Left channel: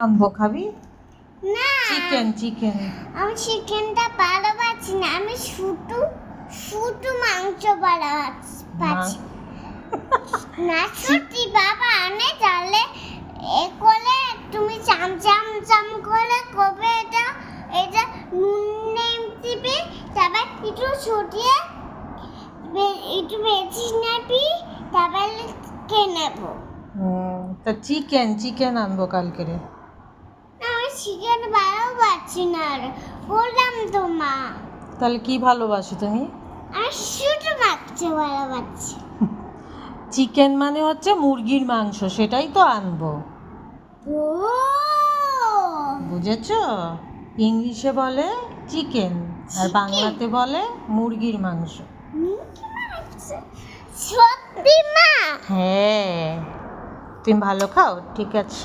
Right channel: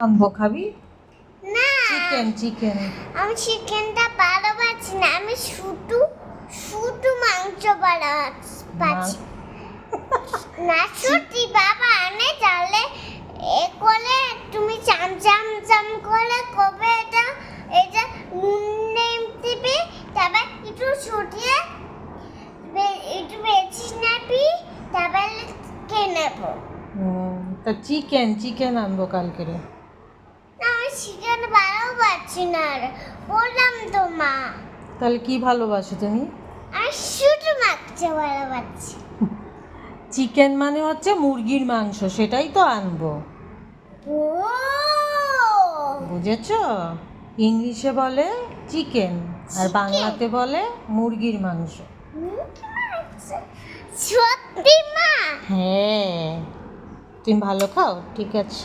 আনব খাবি না। চিকেন চিকেন আমি চিকেনটা ভালোবাসি না আমি শুধু শুধু মাংস ভালোবাসি না সত্যি বাবা আনে তাহলে। এ করে তুমি চাম চাম চাম করে কবে এটা এটা নুন নেম দিবি তারপর একটু ছুটিয়ে একটু বেশি নেবি তারপরে কে নেব। তা চিকেন চিকেন আনব কালকে চিকেন ভালোবাসি না বললাম তো মা। তাহলে কি ভালোবাসো তুমি? আমি শুধু মাংস ভালোবাসি। চিকেন মানে হচ্ছে মুরগির মাংস সেটাই তো আনব। বুঝেছ? ইংলিশে বলে চিকেন আর বাংলাতে বলে মুরগির মাংস। মাংস? সত্যি মা? হ্যাঁ। তুমি ভালো খাও? ঠিক আছে।